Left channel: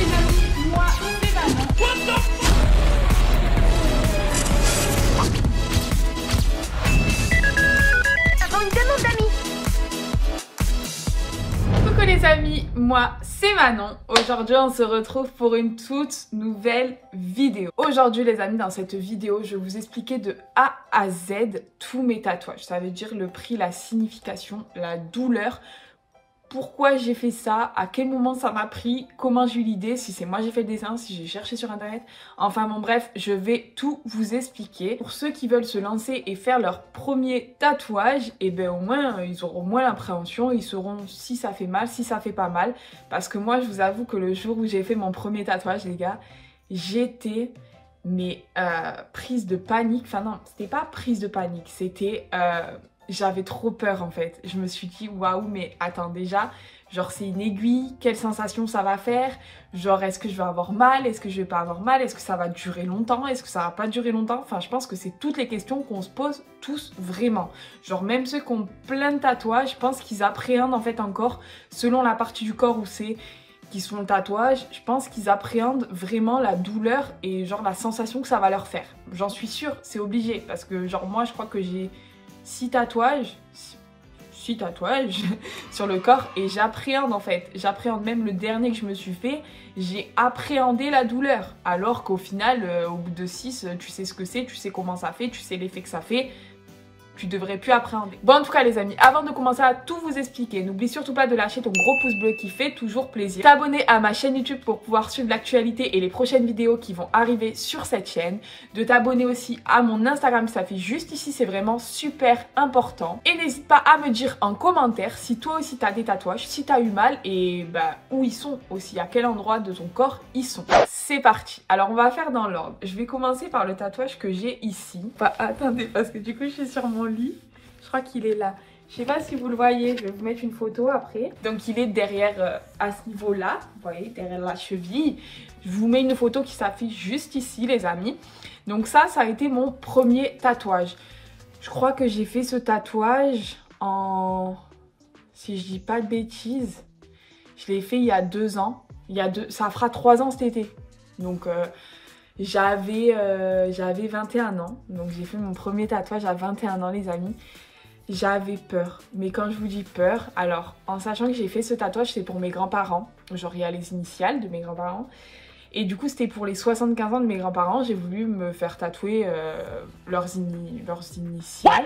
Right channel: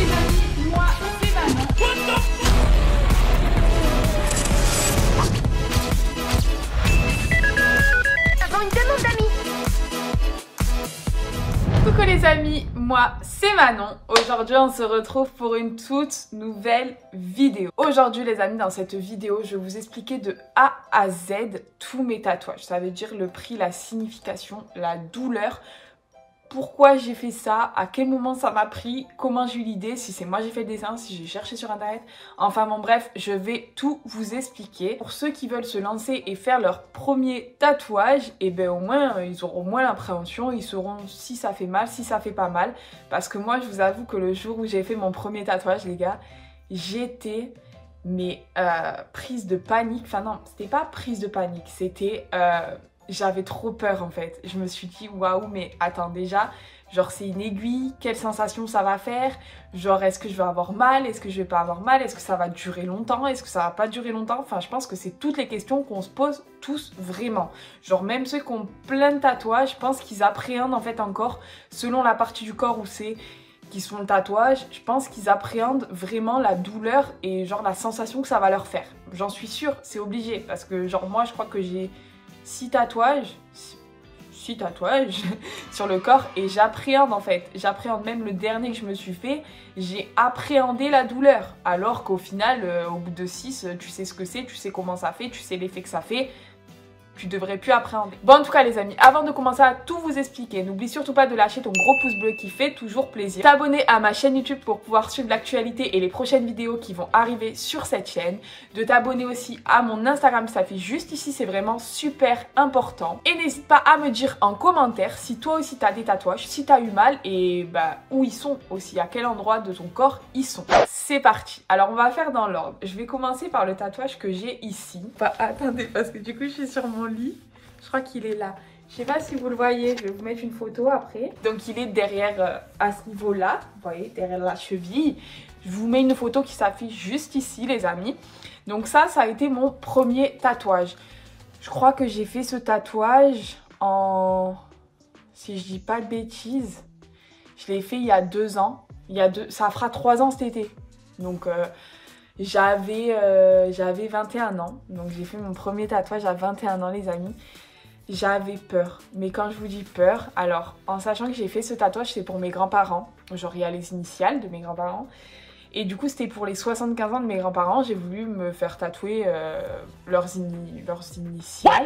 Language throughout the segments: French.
les amis, moi c'est Manon. Avant une demande d'amis. Coucou les amis, moi c'est Manon. Aujourd'hui on se retrouve pour une toute nouvelle vidéo. Aujourd'hui les amis, dans cette vidéo je vais vous expliquer de A à Z tous mes tatouages. Ça veut dire le prix, la signification, la douleur. Pourquoi j'ai fait ça, à quel moment ça m'a pris, comment j'ai eu l'idée, si c'est moi j'ai fait le dessin, si j'ai cherché sur internet. Enfin bon bref, je vais tout vous expliquer. Pour ceux qui veulent se lancer et faire leur premier tatouage, et ben au moins ils auront moins l'appréhension, ils sauront si ça fait mal, si ça fait pas mal. Parce que moi je vous avoue que le jour où j'ai fait mon premier tatouage les gars, j'étais prise de panique. Enfin non, c'était pas prise de panique, c'était... J'avais trop peur en fait. Je me suis dit waouh, mais attends, déjà, genre c'est une aiguille, quelle sensation ça va faire? Genre est-ce que je vais avoir mal? Est-ce que je vais pas avoir mal? Est-ce que ça va durer longtemps? Est-ce que ça va pas durer longtemps? Enfin, je pense que c'est toutes les questions qu'on se pose tous vraiment. Genre même ceux qui ont plein de tatouages, je pense qu'ils appréhendent en fait encore, selon la partie du corps où c'est qui se font le tatouage, je pense qu'ils appréhendent vraiment la douleur et genre la sensation que ça va leur faire. J'en suis sûre, c'est obligé, parce que genre moi je crois que j'ai 6 tatouages sur le corps et j'appréhende en fait. J'appréhende même le dernier que je me suis fait, j'ai appréhendé la douleur. Alors qu'au final, au bout de 6, tu sais ce que c'est, tu sais comment ça fait, tu sais l'effet que ça fait. Tu devrais plus appréhender. Bon en tout cas les amis, avant de commencer à tout vous expliquer, n'oublie surtout pas de lâcher ton gros pouce bleu qui fait toujours plaisir. T'abonner à ma chaîne YouTube pour pouvoir suivre l'actualité et les prochaines vidéos qui vont arriver sur cette chaîne. De t'abonner aussi à mon Instagram qui s'affiche juste ici, c'est vraiment super important. Et n'hésite pas à me dire en commentaire si toi aussi t'as des tatouages, si t'as eu mal et bah où ils sont aussi, à quel endroit de ton corps ils sont. C'est parti. Alors on va faire dans l'ordre. Je vais commencer par le tatouage que j'ai ici. Enfin, attendez parce que du coup je suis sur mon lit. Je crois qu'il est là. Je sais pas si vous le voyez, je vais vous mettre une photo après. Donc il est derrière, à ce niveau-là, vous voyez, derrière la cheville. Je vous mets une photo qui s'affiche juste ici les amis. Donc ça a été mon premier tatouage. Je crois que j'ai fait ce tatouage en... Si je dis pas de bêtises, je l'ai fait il y a 2 ans. Ça fera 3 ans cet été. Donc... J'avais 21 ans, donc j'ai fait mon premier tatouage à 21 ans les amis. J'avais peur, mais quand je vous dis peur, alors en sachant que j'ai fait ce tatouage, c'est pour mes grands-parents. Genre il y a les initiales de mes grands-parents. Et du coup c'était pour les 75 ans de mes grands-parents, j'ai voulu me faire tatouer leurs initiales.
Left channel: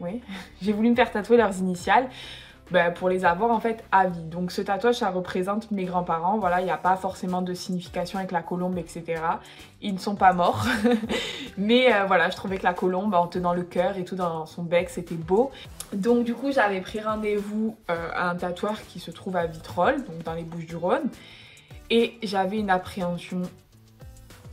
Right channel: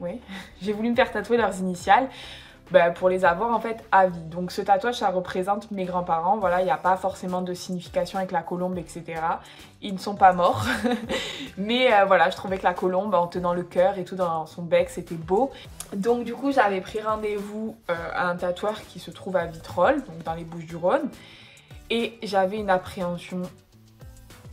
Ouais, j'ai voulu me faire tatouer leurs initiales. Pour les avoir en fait à vie. Donc ce tatouage ça représente mes grands-parents, voilà, il n'y a pas forcément de signification avec la colombe etc. Ils ne sont pas morts mais voilà, je trouvais que la colombe en tenant le cœur et tout dans son bec c'était beau. Donc du coup j'avais pris rendez-vous à un tatoueur qui se trouve à Vitrolles, donc dans les Bouches-du-Rhône, et j'avais une appréhension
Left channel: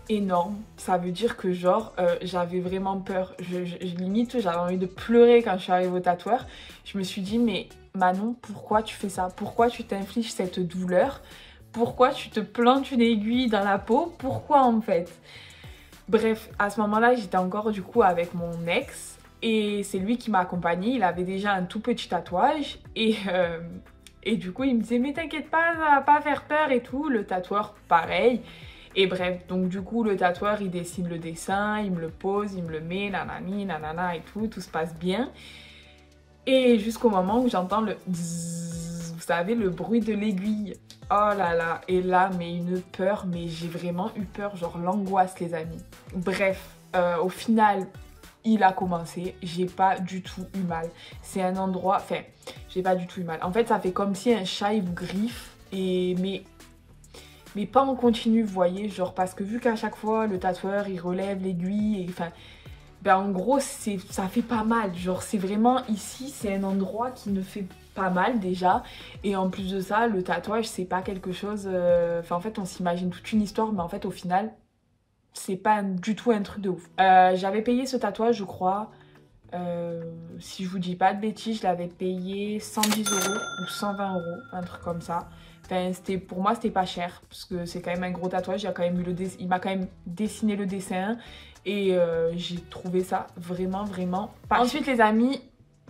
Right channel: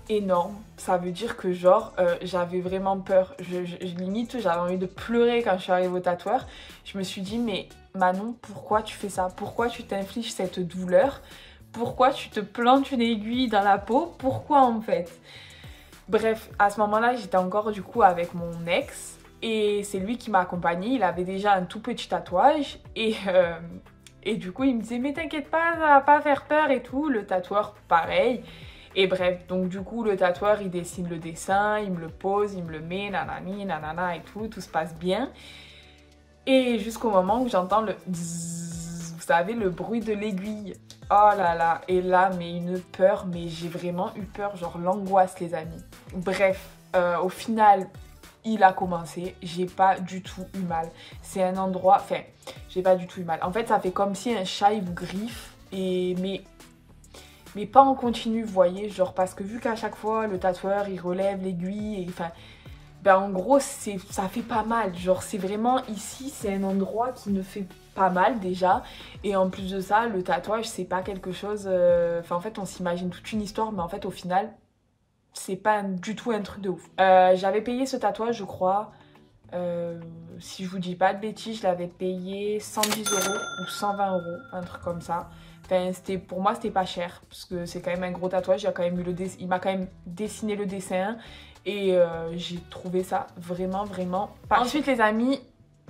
énorme. Ça veut dire que genre j'avais vraiment peur, limite j'avais envie de pleurer quand je suis arrivée au tatoueur. Je me suis dit mais Manon, pourquoi tu fais ça? Pourquoi tu t'infliges cette douleur? Pourquoi tu te plantes une aiguille dans la peau? Pourquoi en fait? Bref, à ce moment-là j'étais encore du coup avec mon ex et c'est lui qui m'a accompagnée. Il avait déjà un tout petit tatouage et du coup il me disait mais t'inquiète pas, ça va pas faire peur et tout. Le tatoueur pareil. Et bref, donc du coup le tatoueur il dessine le dessin, il me le pose, il me le met, nanani, nanana et tout se passe bien. Et jusqu'au moment où j'entends le dzz, vous savez, le bruit de l'aiguille. Oh là là, et là mais une peur, mais j'ai vraiment eu peur, genre l'angoisse les amis. Bref, au final il a commencé, j'ai pas du tout eu mal. C'est un endroit, enfin j'ai pas du tout eu mal. En fait ça fait comme si un chat il vous griffe, mais pas en continu, vous voyez, genre parce que vu qu'à chaque fois le tatoueur il relève l'aiguille, et enfin en gros ça fait pas mal, genre c'est vraiment ici, c'est un endroit qui ne fait pas mal déjà, et en plus de ça le tatouage c'est pas quelque chose, enfin en fait on s'imagine toute une histoire, mais en fait au final c'est pas du tout un truc de ouf. J'avais payé ce tatouage je crois, si je vous dis pas de bêtises, je l'avais payé 110 € ou 120 €, un truc comme ça. Enfin, pour moi c'était pas cher parce que c'est quand même un gros tatouage. Il m'a quand même dessiné le dessin et j'ai trouvé ça vraiment pas cher. Ensuite les amis,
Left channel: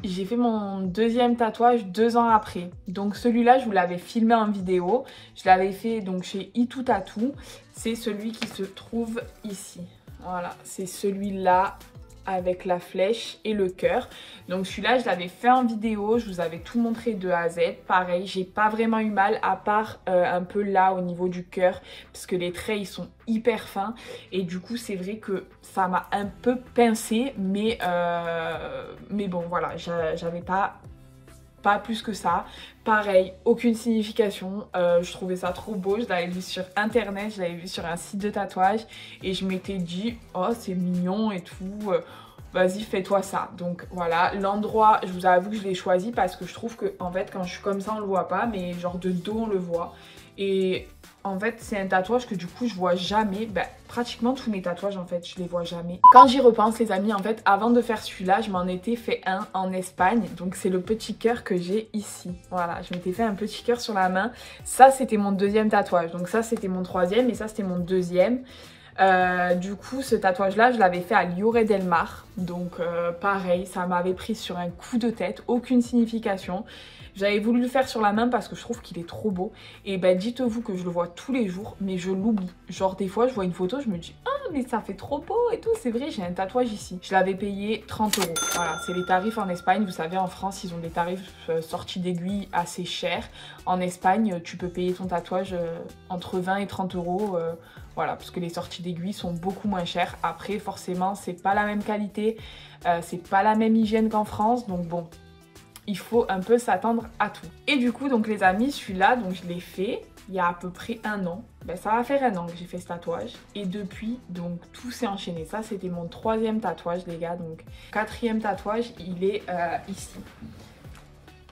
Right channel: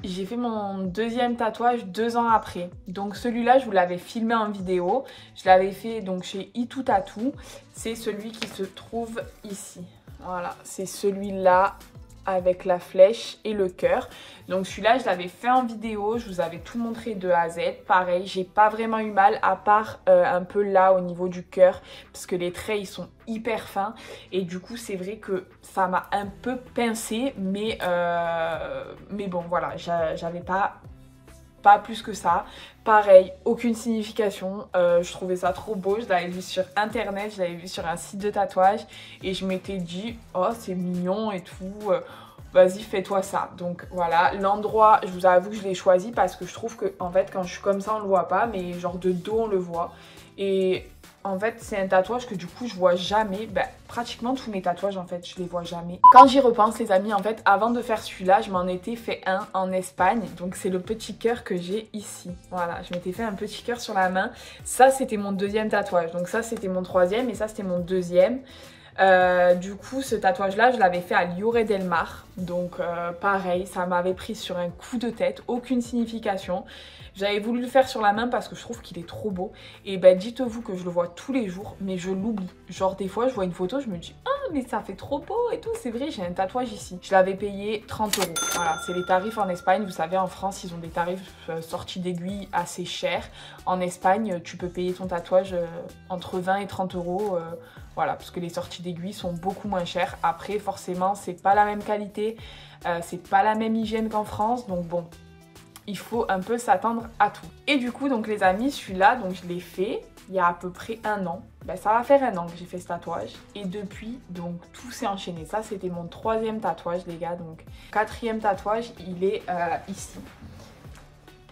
j'ai fait mon deuxième tatouage 2 ans après. Donc celui-là, je vous l'avais filmé en vidéo. Je l'avais fait donc chez Itu Tattoo. C'est celui qui se trouve ici. Voilà, c'est celui-là avec la flèche et le cœur. Donc celui-là, je l'avais fait en vidéo. Je vous avais tout montré de A à Z. Pareil, j'ai pas vraiment eu mal à part un peu là au niveau du cœur. Parce que les traits, ils sont hyper fins. Et du coup, c'est vrai que ça m'a un peu pincé. Mais bon, voilà, j'avais pas plus que ça. Pareil, aucune signification. Je trouvais ça trop beau. Je l'avais vu sur internet, je l'avais vu sur un site de tatouage. Et je m'étais dit, oh c'est mignon et tout. Vas-y, fais-toi ça. Donc voilà, l'endroit, je vous avoue que je l'ai choisi parce que je trouve que en fait quand je suis comme ça on le voit pas, mais genre de dos on le voit. Et en fait c'est un tatouage que du coup je vois jamais. Pratiquement tous mes tatouages en fait je les vois jamais. Quand j'y repense les amis, en fait avant de faire celui-là je m'en étais fait un en Espagne. Donc c'est le petit cœur que j'ai ici. Voilà, je m'étais fait un petit cœur sur la main. Ça c'était mon deuxième tatouage. Donc ça c'était mon troisième et ça c'était mon deuxième. Du coup ce tatouage là je l'avais fait à Lloret del Mar. Donc pareil, ça m'avait pris sur un coup de tête, aucune signification. J'avais voulu le faire sur la main parce que je trouve qu'il est trop beau. Et dites-vous que je le vois tous les jours, mais je l'oublie. Genre des fois je vois une photo, je me dis ah mais ça fait trop beau et tout. C'est vrai, j'ai un tatouage ici. Je l'avais payé 30 €. Voilà, c'est les tarifs en Espagne. Vous savez, en France ils ont des tarifs sortis d'aiguille assez chers. En Espagne tu peux payer ton tatouage entre 20 et 30 €. Voilà, parce que les sorties d'aiguille sont beaucoup moins chères. Après, forcément, c'est pas la même qualité, c'est pas la même hygiène qu'en France. Donc bon, il faut un peu s'attendre à tout. Et du coup, donc les amis, celui-là, donc je l'ai fait il y a à peu près 1 an. Ça va faire 1 an que j'ai fait ce tatouage. Et depuis, donc tout s'est enchaîné. Ça, c'était mon troisième tatouage, les gars. Donc, quatrième tatouage, il est ici.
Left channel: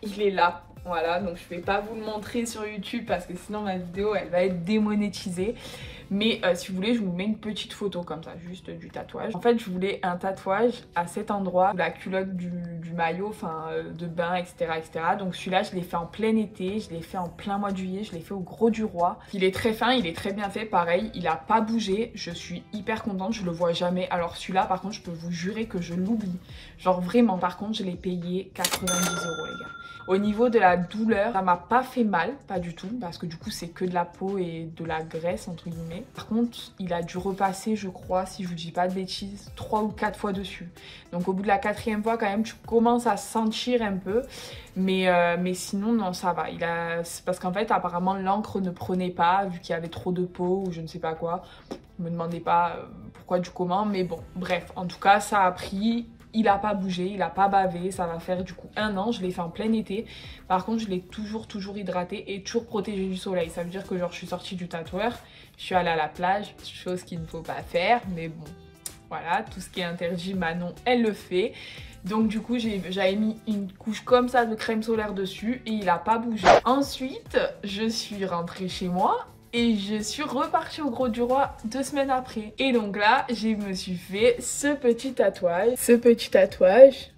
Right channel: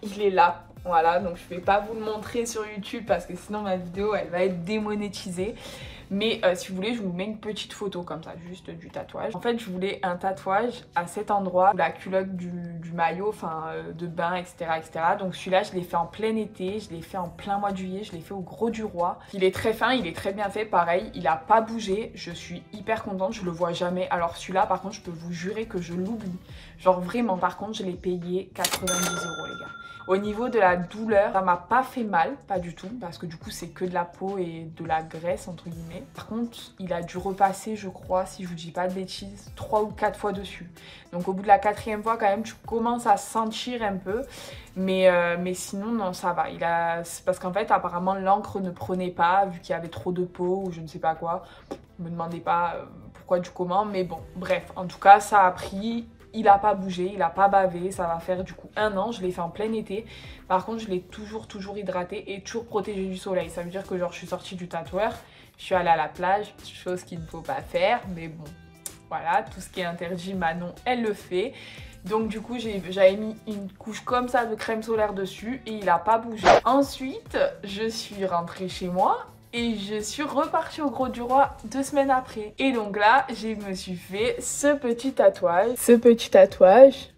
Il est là. Voilà, donc je vais pas vous le montrer sur YouTube parce que sinon ma vidéo elle va être démonétisée. Mais si vous voulez, je vous mets une petite photo comme ça, juste du tatouage. En fait, je voulais un tatouage à cet endroit, la culotte du maillot, enfin de bain, etc. Donc celui-là, je l'ai fait en plein été, je l'ai fait en plein mois de juillet, je l'ai fait au Gros du Roi. Il est très fin, il est très bien fait, pareil, il a pas bougé. Je suis hyper contente, je le vois jamais. Alors celui-là, par contre, je peux vous jurer que je l'oublie. Genre vraiment, par contre, je l'ai payé 90 € les gars. Au niveau de la douleur, ça m'a pas fait mal, pas du tout, parce que du coup c'est que de la peau et de la graisse entre guillemets. Par contre, il a dû repasser, je crois, si je vous dis pas de bêtises, 3 ou 4 fois dessus. Donc au bout de la 4e fois, quand même, tu commences à sentir un peu, mais sinon non, ça va. C'est parce qu'en fait, apparemment, l'encre ne prenait pas vu qu'il y avait trop de peau ou je ne sais pas quoi. Me demandez pas pourquoi du comment, mais bon, bref, en tout cas, ça a pris. Il n'a pas bougé, il n'a pas bavé, ça va faire du coup 1 an, je l'ai fait en plein été. Par contre, je l'ai toujours hydraté et toujours protégé du soleil. Ça veut dire que genre je suis sortie du tatoueur, je suis allée à la plage, chose qu'il ne faut pas faire, mais bon, voilà, tout ce qui est interdit, Manon, elle le fait. Donc du coup, j'avais mis une couche comme ça de crème solaire dessus et il n'a pas bougé. Ensuite, je suis rentrée chez moi. Et je suis repartie au Gros du Roi 2 semaines après. Et donc là, je me suis fait ce petit tatouage. Ce petit tatouage,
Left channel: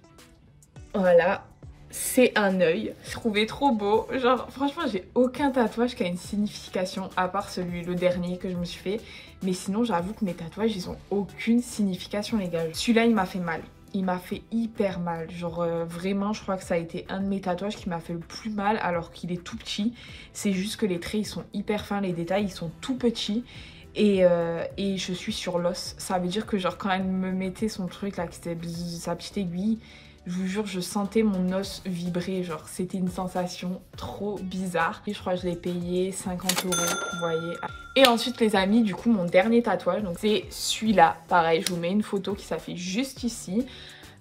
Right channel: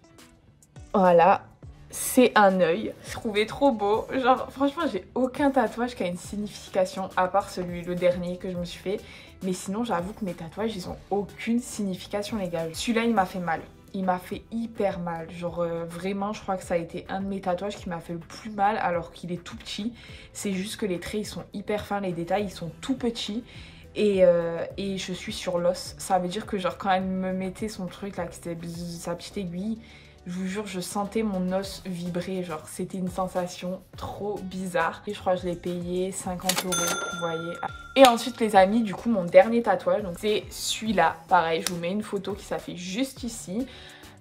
voilà, c'est un œil. Je trouvais trop beau. Genre, franchement, j'ai aucun tatouage qui a une signification, à part le dernier que je me suis fait. Mais sinon, j'avoue que mes tatouages, ils ont aucune signification, les gars. Celui-là, il m'a fait mal. Il m'a fait hyper mal, genre vraiment je crois que ça a été un de mes tatouages qui m'a fait le plus mal alors qu'il est tout petit. C'est juste que les traits ils sont hyper fins, les détails ils sont tout petits et je suis sur l'os. Ça veut dire que genre quand elle me mettait son truc là, qui était sa petite aiguille, je vous jure je sentais mon os vibrer, genre c'était une sensation trop bizarre. Et je crois que je l'ai payé 50 €, vous voyez. Et ensuite les amis, du coup mon dernier tatouage, donc c'est celui-là, pareil, je vous mets une photo qui s'affiche juste ici.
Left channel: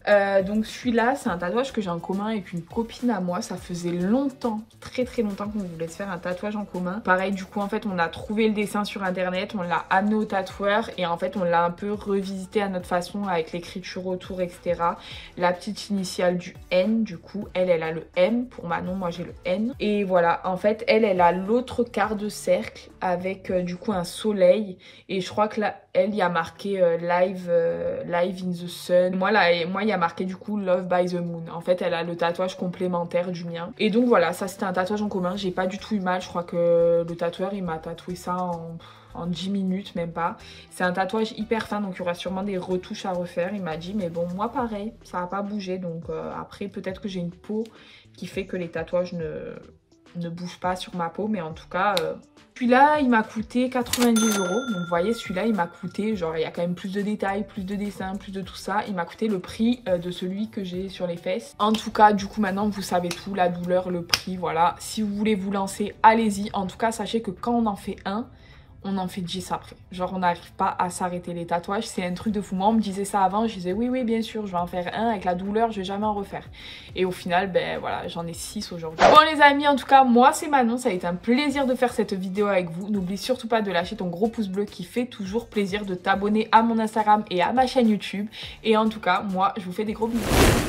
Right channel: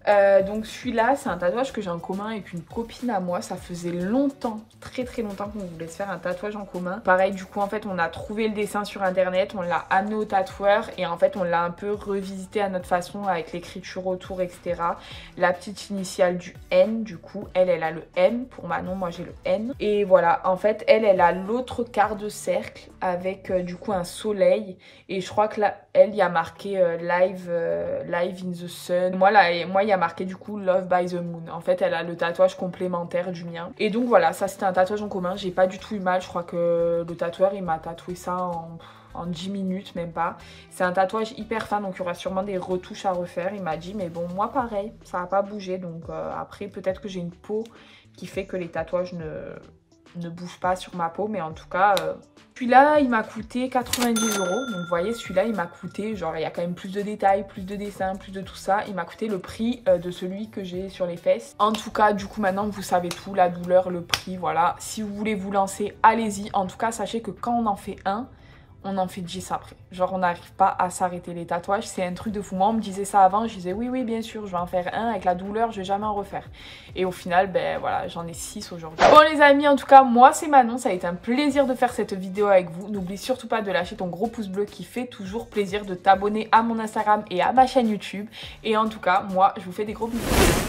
Donc celui-là, c'est un tatouage que j'ai en commun avec une copine à moi. Ça faisait longtemps, très longtemps qu'on voulait se faire un tatouage en commun. Pareil, du coup, en fait, on a trouvé le dessin sur internet, on l'a amené au tatoueur et en fait, on l'a un peu revisité à notre façon avec l'écriture autour, etc. La petite initiale du N, du coup, elle a le M pour Manon, moi j'ai le N. Et voilà, en fait, elle a l'autre quart de cercle avec du coup un soleil. Et je crois que là, elle y a marqué live in the sun. Moi, il il y a marqué du coup Love by the Moon. En fait, elle a le tatouage complémentaire du mien. Et donc voilà, ça c'était un tatouage en commun. J'ai pas du tout eu mal. Je crois que le tatoueur, il m'a tatoué ça en 10 minutes, même pas. C'est un tatouage hyper fin, donc il y aura sûrement des retouches à refaire. Il m'a dit, mais bon, moi pareil, ça a pas bougé. Donc après, peut-être que j'ai une peau qui fait que les tatouages ne bougent pas sur ma peau. Mais en tout cas, celui-là, il m'a coûté 90 €. Donc vous voyez, celui-là, il m'a coûté, genre, il y a quand même plus de détails, plus de dessins, plus de tout ça. Il m'a coûté le prix de celui que j'ai sur les fesses. En tout cas, du coup, maintenant, vous savez tout, la douleur, le prix, voilà. Si vous voulez vous lancer, allez-y. En tout cas, sachez que quand on en fait un, on en fait 10 après. Genre, on n'arrive pas à s'arrêter les tatouages. C'est un truc de fou. Moi, on me disait ça avant. Je disais, oui, bien sûr, je vais en faire un. Avec la douleur, je vais jamais en refaire. Et au final, ben voilà, j'en ai 6 aujourd'hui. Bon, les amis, en tout cas, moi, c'est Manon. Ça a été un plaisir de faire cette vidéo avec vous. N'oublie surtout pas de lâcher ton gros pouce bleu qui fait toujours plaisir, de t'abonner à mon Instagram et à ma chaîne YouTube. Et en tout cas, moi, je vous fais des gros bisous.